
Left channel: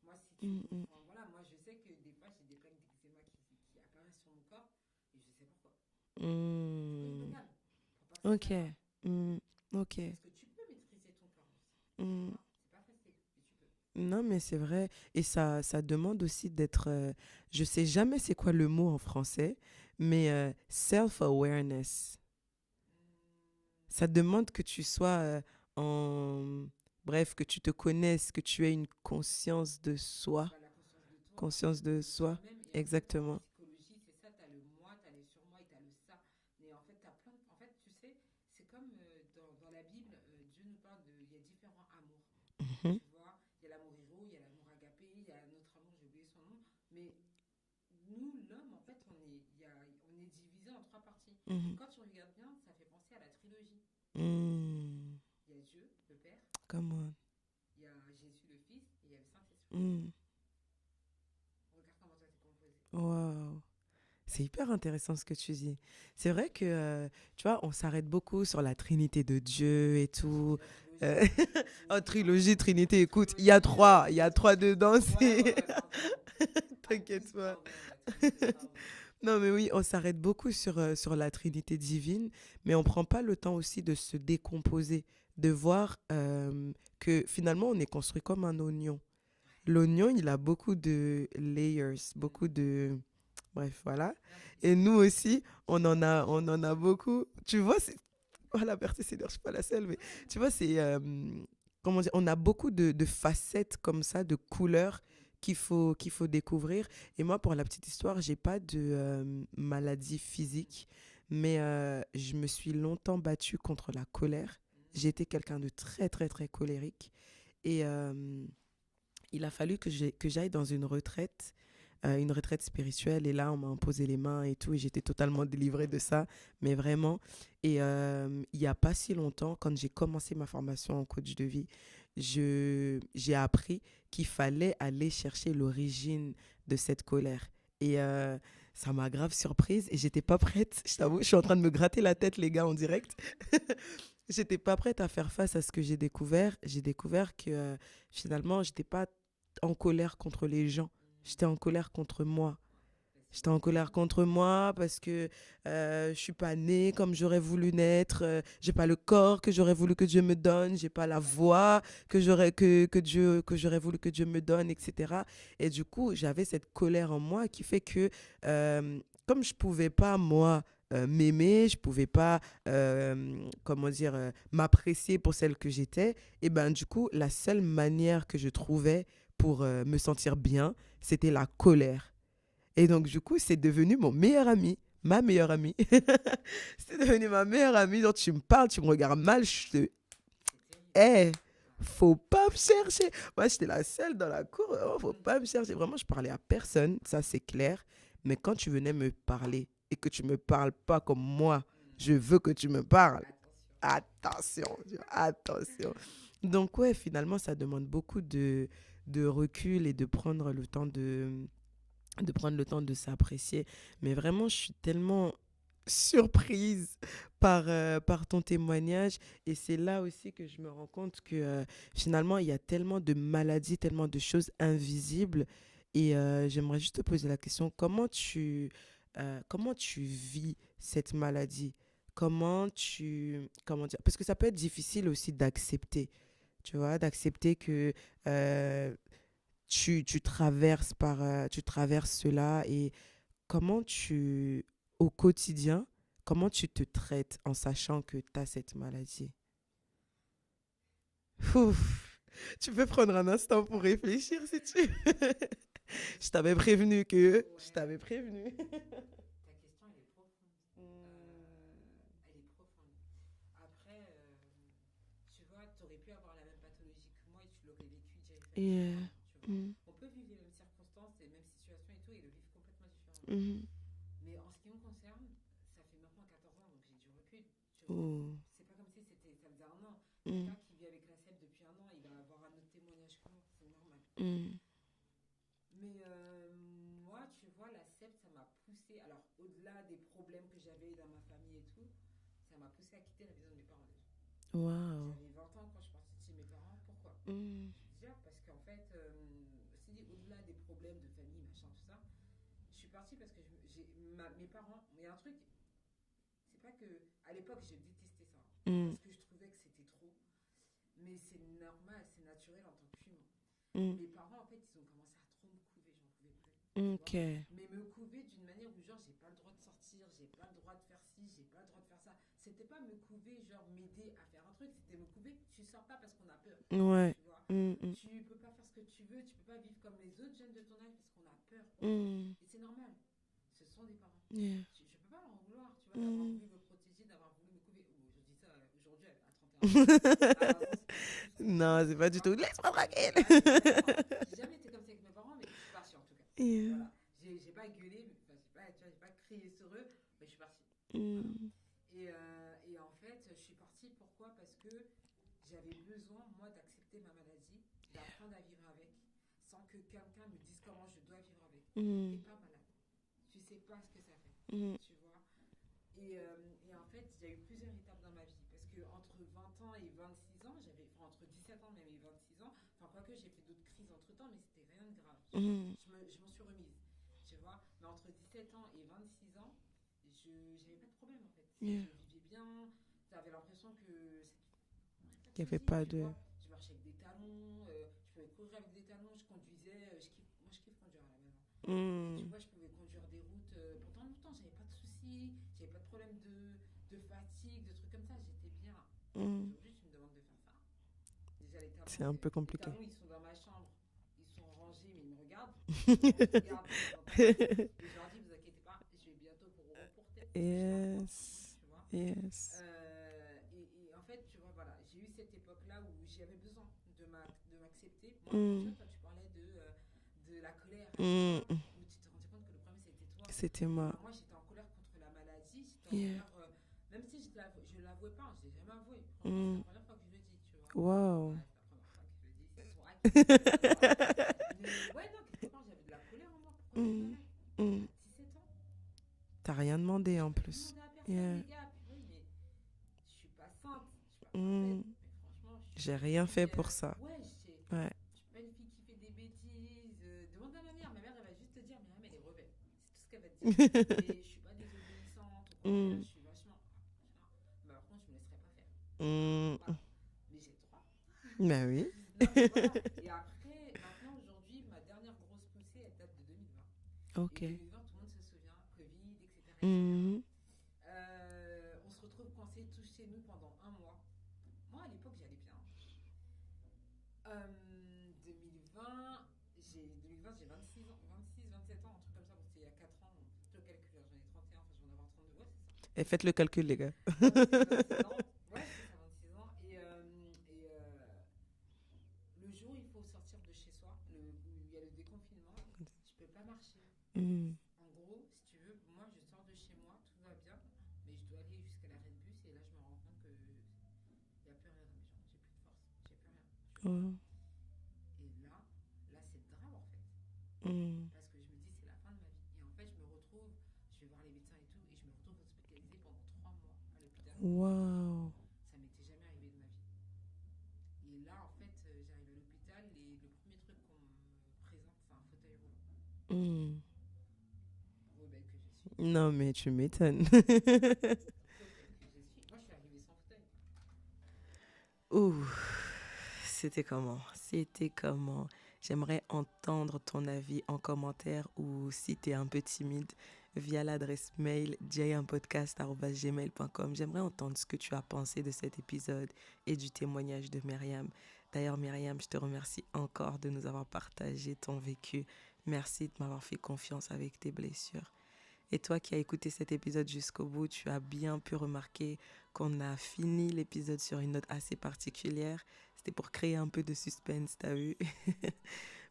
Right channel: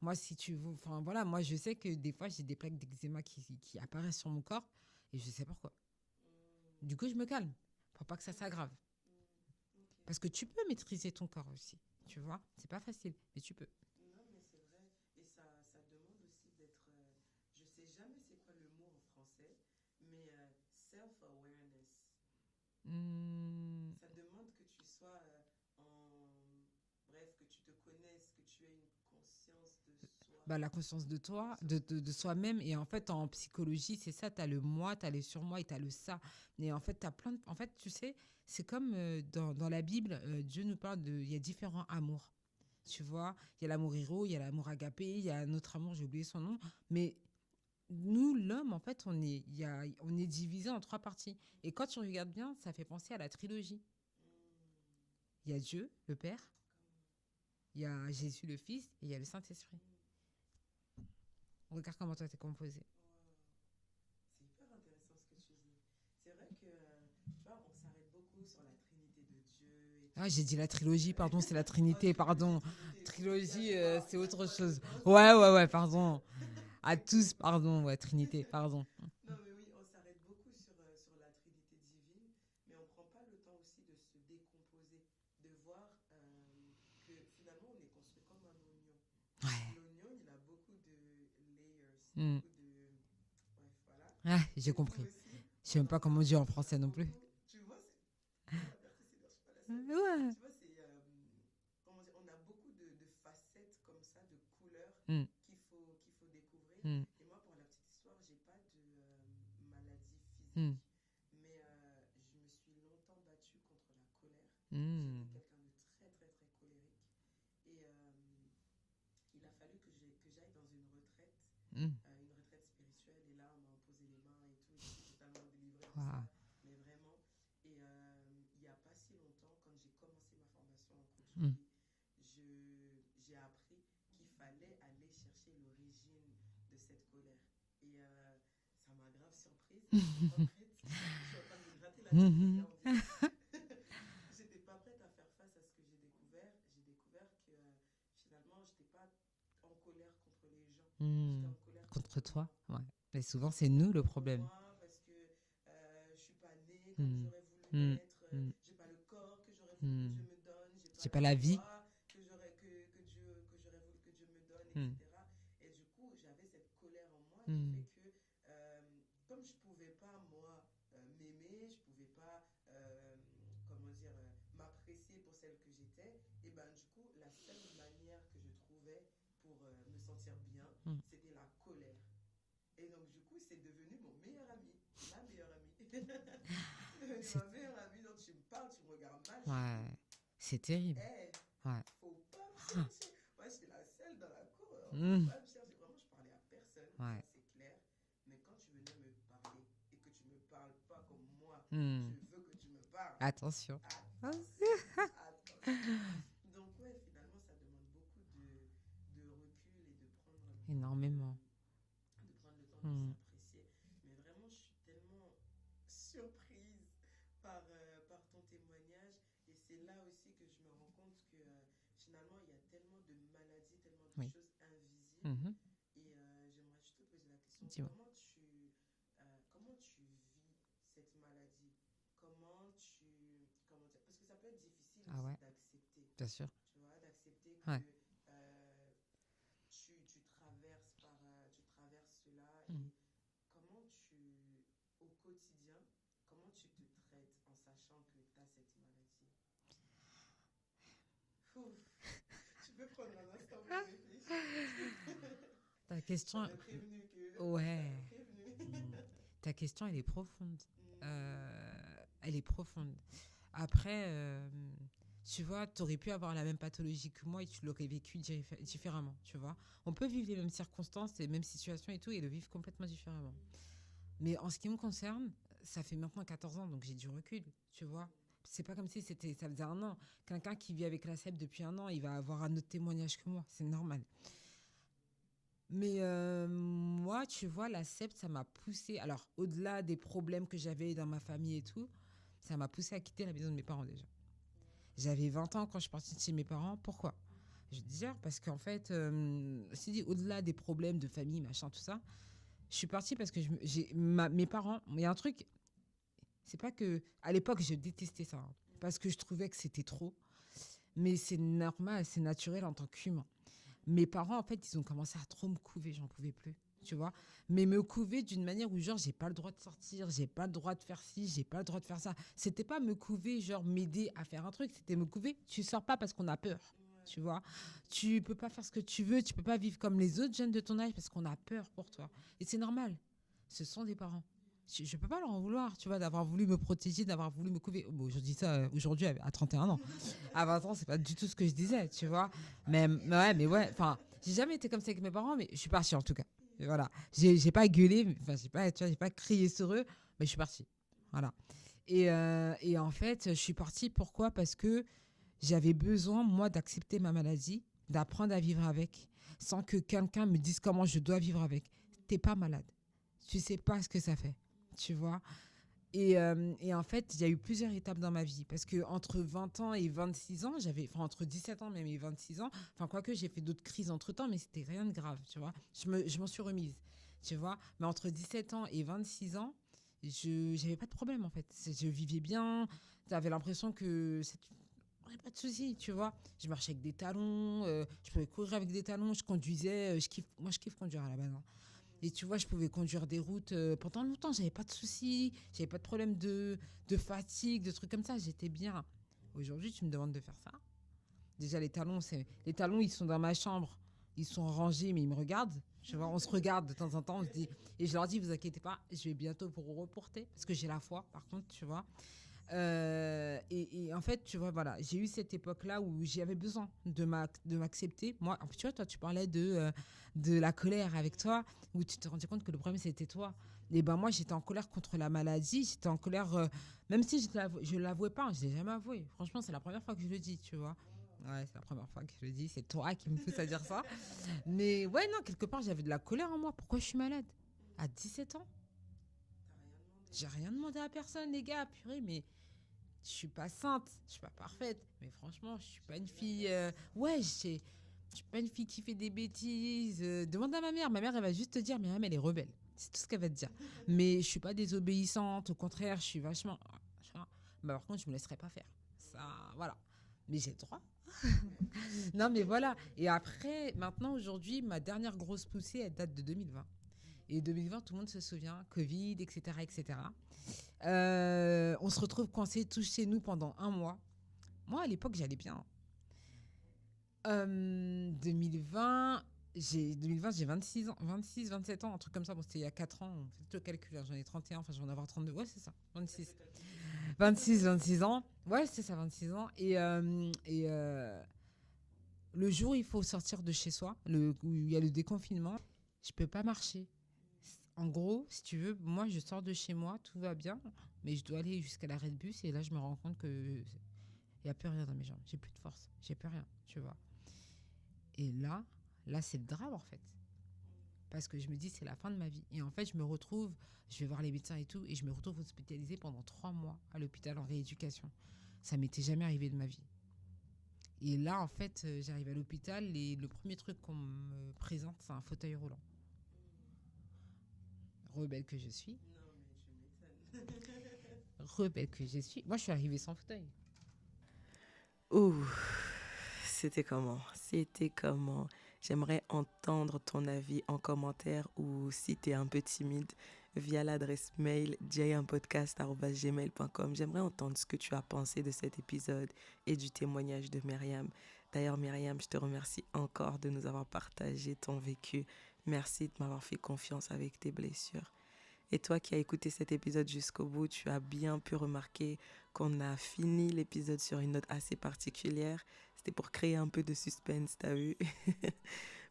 Moi, si tu voilà, moi, je sais que des fois, j'ai des plaques d'eczéma qui apparaissent sur mon corps et je sais pourquoi. Du coup, je me calme pour pas que ça s'aggrave. Okay. Parce que tu peux maîtriser ton corps aussi, tu vois. C'est pas facile, mais tu peux. Non, mais c'est vrai. Et ça demande aussi d'être... je sais jamais c'est quoi le mot en français, mais self-awareness. Ça demande que tu sois Bref, que tu te connaisses, que tu aies une conscience de soi. La conscience de toi, conscience de soi-même. Et exactement. En fait, en psychologie, c'est ça. Tu as le moi, tu as le surmoi et tu as le ça. Mais en fait, tu as plein de... En fait, tu sais, c'est comme dans la Bible, Dieu nous parle de... Il y a différents amours. Tu vois, il y a l'amour héros, il y a l'amour agapé, il y a un autre amour, j'ai oublié son nom. Mais nous, l'homme, en fait, on est divisé en 3 parties. Et quand tu regardes bien, ça fait penser à la trilogie. Il y a Dieu, le Père. Comment? Il y a Jésus, le Fils, et il y a le Saint-Esprit. Regarde comment toi, t'es composé. Waouh. C'est hyper intéressant ce que tu dis. C'est vrai que, tu vois, on s'arrête beaucoup sur la Trinité de Dieu et tout. Ouais, j'ai dit la trilogie, par contre, c'est la Trinité. Trilogie, Trinité, écoute, il y a 3, il y a 3 dedans. Ouais, pardon. À tous, pardon, ouais, Trinité, pardon. Non, mais oui, on s'arrête beaucoup sur la Trinité divine, mais on ne prend pas le temps aussi de se décomposer, de voir que finalement, on est construit comme un oignon. Ouais. L'oignon, il a beaucoup de layers, beaucoup de... Bref, voilà. Ah, et nous aussi, on en a beaucoup. Tu vois, voilà, Berthe, c'est je suis pas la seule, mais tu vois, c'est... comment dire, on a beaucoup de facettes comme ça, de couleurs qu'il faut découvrir. Et moi, pour la petite histoire, j'ai pas de maladie physique, Mais je me suis longtemps battue contre la colère. J'ai été quelqu'un de très, très, très colérique. Et il a fallu que j'aille dans une retraite spirituelle. Et là, on m'a imposé les mains et tout. Et j'étais totalement délivrée de ça. Mais vraiment. Et il n'y a pas si longtemps, quand j'ai commencé ma formation en coach de vie, j'ai appris qu'il fallait aller chercher l'origine de cette colère. Et ça m'a grave surprise et j'étais pas prête. Je t'avoue, je suis en train de me gratter la tête, les gars, en direct. J'étais pas prête à faire face à ce que j'ai découvert. J'ai découvert que finalement, j'étais pas en colère contre les gens. J'étais en colère contre moi. Ouais. Mais souvent, J'étais en c'est colère nous, le contre problème. moi parce que je suis pas née comme j'aurais voulu Mm. naître. Mm. J'ai pas le corps que j'aurais voulu que Dieu me donne. J'ai pas J'ai la pas la voix que j'aurais voulu que Dieu me donne, etc. Et du coup, j'avais cette colère en moi qui fait que comme je pouvais pas moi m'aimer, je pouvais pas m'apprécier pour celle que j'étais, et ben du coup, la seule manière que je trouvais pour me sentir bien, c'était la colère. Et donc, du coup, c'est devenu mon meilleur ami, ma meilleure amie. C'est devenu ma meilleure amie. Donc, tu me parles, tu me regardes mal. Je te... C'est terrible. Hey, faut pas me chercher. Moi, j'étais la seule dans la cour. Oh, faut pas me chercher. Vraiment, je parlais à personne. Ça, c'est clair. Mais quand tu venais me parler et que tu me parles pas comme moi, je veux que tu me parles. Attention. Attention. Attention. Donc, ouais, finalement, ça demande beaucoup de recul et de prendre le temps de s'apprécier. Mais vraiment, je suis tellement surprise par ton témoignage. Et c'est là aussi que je me rends compte que finalement, il y a tellement de maladies, tellement de choses invisibles. Et j'aimerais juste te poser la question, comment tu vis cette maladie? Comment dire? Parce que ça peut être difficile aussi d'accepter. Bien sûr. Tu vois, d'accepter que tu traverses cela. Et au quotidien, comment tu te traites en sachant que tu as cette maladie? Ouf. Tu peux prendre un instant pour réfléchir si tu veux. Je t'avais prévenu que... Ouais. Je t'avais prévenu. Ta question, elle est profonde. Elle est profonde. Après, tu vois, tu aurais pu avoir la même pathologie que moi et tu l'aurais vécu différemment, tu vois. On peut vivre les mêmes circonstances, les mêmes situations et tout, et le vivre complètement différemment. Mais en ce qui me concerne, ça fait maintenant 14 ans, donc j'ai du recul, tu vois. C'est pas comme si ça faisait un an. Quelqu'un qui vit avec la SEP depuis un an, il va avoir un autre témoignage que moi, c'est normal. Mais moi, tu vois, la SEP, ça m'a poussée, alors au-delà des problèmes que j'avais dans ma famille et tout, ça m'a poussée à quitter la maison de mes parents déjà. Wow. J'avais 20 ans quand je suis partie de chez mes parents. Pourquoi? Je dis parce qu'en fait, au-delà des problèmes de famille, machin, tout ça, je suis partie parce que mes parents, il y a un truc, c'est pas que, à l'époque, je détestais ça, parce que je trouvais que c'était trop, mais c'est normal, c'est naturel en tant qu'humain. Mes parents, en fait, ils ont commencé à trop me couver, j'en pouvais plus, tu vois. Mais me couver d'une manière où, genre, j'ai pas le droit de sortir, j'ai pas le droit de faire ci, j'ai pas le droit de faire ça. C'était pas me couver, genre, m'aider à faire un truc, c'était me couver, tu sors pas parce qu'on a peur, tu vois. Tu peux pas faire ce que tu veux, tu peux pas vivre comme les autres jeunes de ton âge parce qu'on a peur pour toi. Et c'est normal. Ce sont des parents. Je peux pas leur en vouloir, tu vois, d'avoir voulu me protéger, d'avoir voulu me couver. Bon, je dis ça aujourd'hui à 31 ans. À 20 ans, c'est pas du tout ce que je disais. Non, c'est pas du tout. J'ai jamais été comme ça avec mes parents, mais je suis partie en tout cas. Voilà. J'ai pas gueulé, enfin, j'ai pas crié sur eux, mais je suis partie. Voilà. Et en fait, je suis partie. Pourquoi? Parce que j'avais besoin, moi, d'accepter ma maladie, d'apprendre à vivre avec, sans que quelqu'un me dise comment je dois vivre avec. T'es pas malade. Tu sais pas ce que ça fait, tu vois. Et en fait, il y a eu plusieurs étapes dans ma vie. Parce qu'entre 20 ans et 26 ans, entre 17 ans même et 26 ans, quoique j'ai fait d'autres crises entre-temps, mais c'était rien de grave, tu vois. Je m'en suis remise, tu vois. Mais entre 17 ans et 26 ans, je n'avais pas de problème, en fait. Je vivais bien. Tu avais l'impression que pas de soucis, tu vois. Je marchais avec des talons, je pouvais courir avec des talons, je conduisais, je kiffe conduire à la base. Et tu vois, je pouvais conduire des routes pendant longtemps, j'avais pas de soucis, j'avais pas de problème de fatigue, de trucs comme ça, j'étais bien. Aujourd'hui, tu me demandes de faire ça. Déjà, les talons, ils sont dans ma chambre. ils sont rangés, mais ils me regardent. Tu vois, on se regarde de temps en temps. Et je leur dis, vous inquiétez pas, je vais bientôt vous reporter. Parce que j'ai la foi, par contre, tu vois. Yes. Et en fait, tu vois, voilà, j'ai eu cette époque-là où j'avais besoin de m'accepter. Moi, tu vois, toi, tu parlais de la colère avec toi, où tu te rendais compte que le problème, c'était toi. C'était Et moi. ben moi, j'étais en colère contre la maladie. J'étais en colère, même si je ne l'avouais pas, je ne l'ai jamais avoué. Franchement, c'est la première fois que je le dis, tu vois. Wow. Ouais, c'est la première fois que je le dis. C'est toi qui me fais dire ça. Mais ouais, non, quelque part, j'avais de la colère en moi. Pourquoi je suis malade à 17 ans? T'as rien demandé J'ai en rien plus. demandé à personne, les gars. Purée, mais je suis pas sainte, je suis pas parfaite. Mais franchement, je suis J'ai pas une rien fille, fait pour ça. Ouais, je suis pas une fille qui fait des bêtises. Demande à ma mère. Ma mère, elle va juste te dire, Myriam, elle est rebelle. C'est tout ce qu'elle va te dire. Mais je suis pas désobéissante. Au contraire, je suis vachement. Bah, par contre, je me laisserai pas faire. Ça, voilà. Mais j'ai le droit. Ben oui. Non, mais voilà. Et après, maintenant, aujourd'hui, ma dernière grosse poussée, elle date de 2020. Okay. Et 2020, tout le monde se souvient, Covid, etc. etc. On se retrouve coincés tous chez nous pendant 1 mois. Moi, à l'époque, j'allais bien. 2020, j'ai 26 ans, 26, 27 ans, un truc comme ça. Bon, c'était il y a 4 ans. Faites le calcul, hein. J'en ai 31, enfin, je vais en avoir 32. Ouais, c'est ça. 26. Et faites le calcul, les gars. 26 ans. Ouais, c'est ça, 26 ans. Et le jour où il faut sortir de chez soi, où il y a le déconfinement, je peux pas marcher. En gros, si tu veux, moi, je sors de chez moi, tout va bien, mais je dois aller jusqu'à l'arrêt de bus et là, je me rends compte que il y a plus rien dans mes jambes. J'ai plus de force. J'ai plus rien, tu vois. Et là, c'est le drame, en fait. Parce que je me dis, c'est la fin de ma vie. Et en fait, je me retrouve, je vais voir les médecins et tout, et je me retrouve hospitalisée pendant 3 mois à l'hôpital en rééducation. Ça m'était jamais arrivé de ma vie. Et là, en fait, j'arrive à l'hôpital et le premier truc qu'on me présente, c'est un fauteuil roulant. Rebelle que je suis. Non, mais tu m'étonnes. Rebelle que je suis. Moi, je suis arrivée sans fauteuil. Ouh, c'était comment? J'aimerais entendre ton avis en commentaire ou si tu es un peu timide via l'adresse mail jayaunpodcast@gmail.com. J'aimerais entendre ce que tu as pensé de cet épisode et du témoignage de Myriam. D'ailleurs, Myriam, je te remercie encore de nous avoir partagé ton vécu. Merci de m'avoir fait confiance avec tes blessures. Et toi qui as écouté cet épisode jusqu'au bout, tu as bien pu remarquer qu'on a fini l'épisode sur une note assez particulière. C'était pour créer un peu de suspense, t'as vu?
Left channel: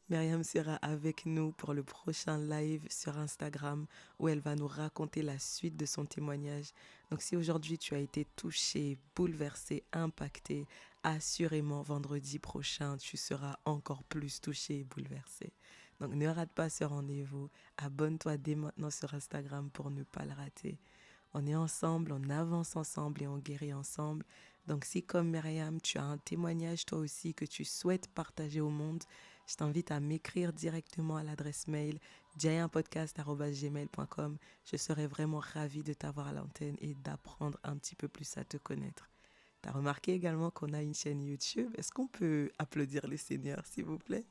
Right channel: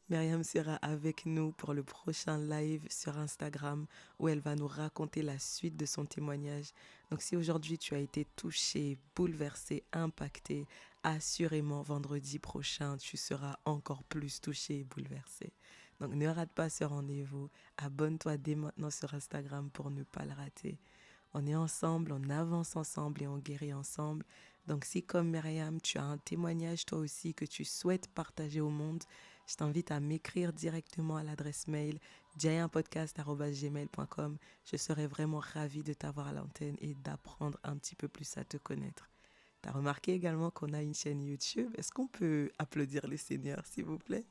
Myriam sera avec nous pour le prochain live sur Instagram où elle va nous raconter la suite de son témoignage. Donc si aujourd'hui tu as été touché, bouleversé, impacté, assurément vendredi prochain tu seras encore plus touché et bouleversé. Donc ne rate pas ce rendez-vous. Abonne-toi dès maintenant sur Instagram pour ne pas le rater. On est ensemble, on avance ensemble et on guérit ensemble. Donc si comme Myriam, tu as un témoignage toi aussi que tu souhaites partager au monde, je t'invite à m'écrire directement à l'adresse mail jayaunpodcast@gmail.com. Je serai vraiment ravie de t'avoir à l'antenne et d'apprendre un petit peu plus à te connaître. Tu as remarqué également qu'on a une chaîne YouTube. Est-ce qu'on peut applaudir le Seigneur, s'il vous plaît?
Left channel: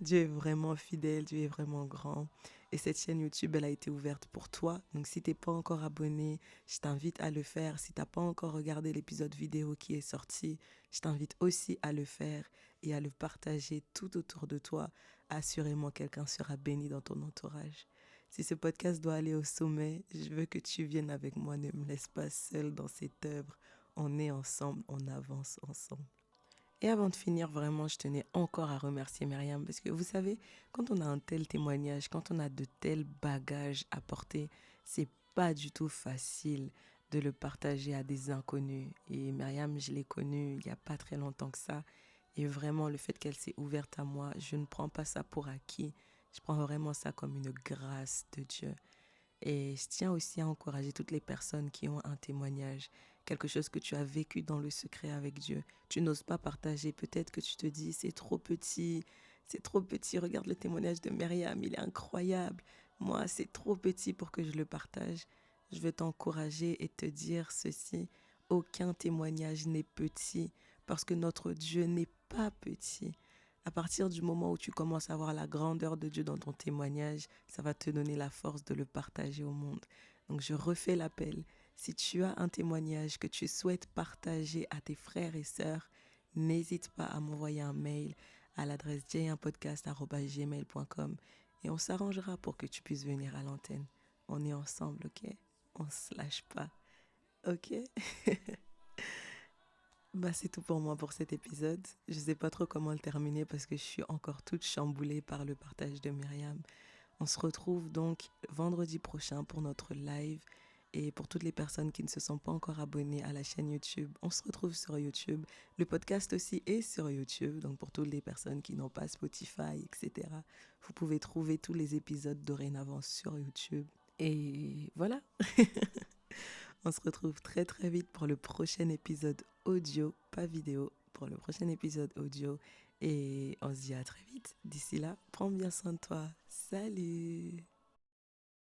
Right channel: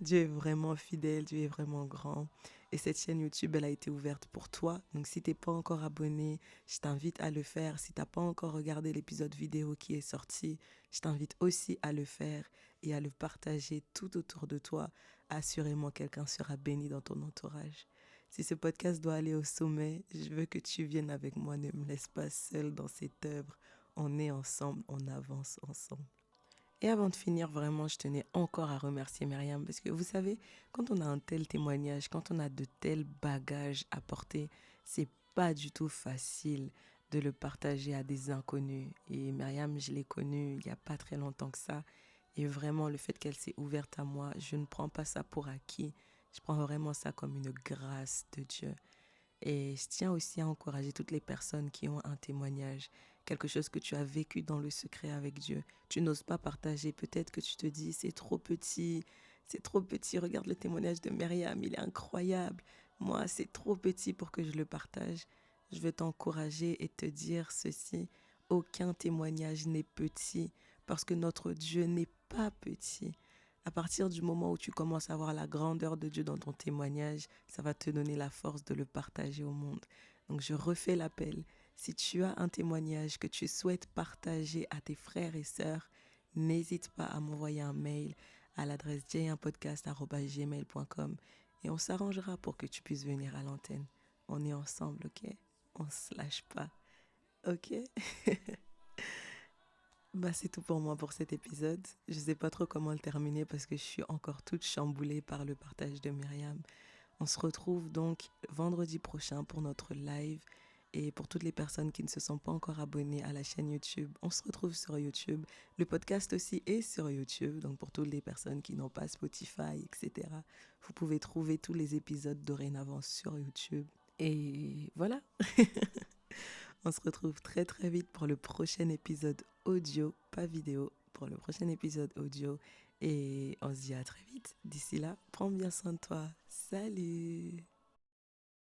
Dieu est vraiment fidèle, Dieu est vraiment grand. Et cette chaîne YouTube, elle a été ouverte pour toi. Donc si tu n'es pas encore abonné, je t'invite à le faire. Si tu n'as pas encore regardé l'épisode vidéo qui est sorti, je t'invite aussi à le faire et à le partager tout autour de toi. Assurément, quelqu'un sera béni dans ton entourage. Si ce podcast doit aller au sommet, je veux que tu viennes avec moi. Ne me laisse pas seule dans cette œuvre. On est ensemble, on avance ensemble. Et avant de finir, vraiment, je tenais encore à remercier Myriam parce que vous savez, quand on a un tel témoignage, quand on a de tels bagages à porter, c'est pas du tout facile de le partager à des inconnus. Et Myriam, je l'ai connue il n'y a pas très longtemps que ça. Et vraiment, le fait qu'elle s'est ouverte à moi, je ne prends pas ça pour acquis. Je prends vraiment ça comme une grâce de Dieu. Et je tiens aussi à encourager toutes les personnes qui ont un témoignage, quelque chose que tu as vécu dans le secret avec Dieu. Tu n'oses pas partager, peut-être que tu te dis c'est trop petit, regarde le témoignage de Myriam, il est incroyable. Moi, c'est trop petit pour que je le partage. Je veux t'encourager et te dire ceci, aucun témoignage n'est petit parce que notre Dieu n'est pas petit. À partir du moment où tu commences à voir la grandeur de Dieu dans ton témoignage, ça va te donner la force de le partager au monde. Donc je refais l'appel. Si tu as un témoignage que tu souhaites partager à tes frères et sœurs, n'hésite pas à m'envoyer un mail à l'adresse jayunpodcast@gmail.com et on s'arrangera pour que tu puisses venir à l'antenne. On est ensemble, ok? On se lâche pas, ok? Bah, c'est tout pour moi pour cet épisode. Je sais pas trop comment le terminer parce que je suis encore toute chamboulée par le partage de Myriam. On se retrouve donc vendredi prochain pour notre live. Et pour toutes les personnes qui ne se sont pas encore abonnées à la chaîne YouTube, on se retrouve sur YouTube. Le podcast aussi est sur YouTube. Donc pour toutes les personnes qui n'ont pas Spotify, etc., vous pouvez trouver tous les épisodes dorénavant sur YouTube. Et voilà. On se retrouve très très vite pour le prochain épisode audio, pas vidéo, pour le prochain épisode audio. Et on se dit à très vite. D'ici là, prends bien soin de toi. Salut!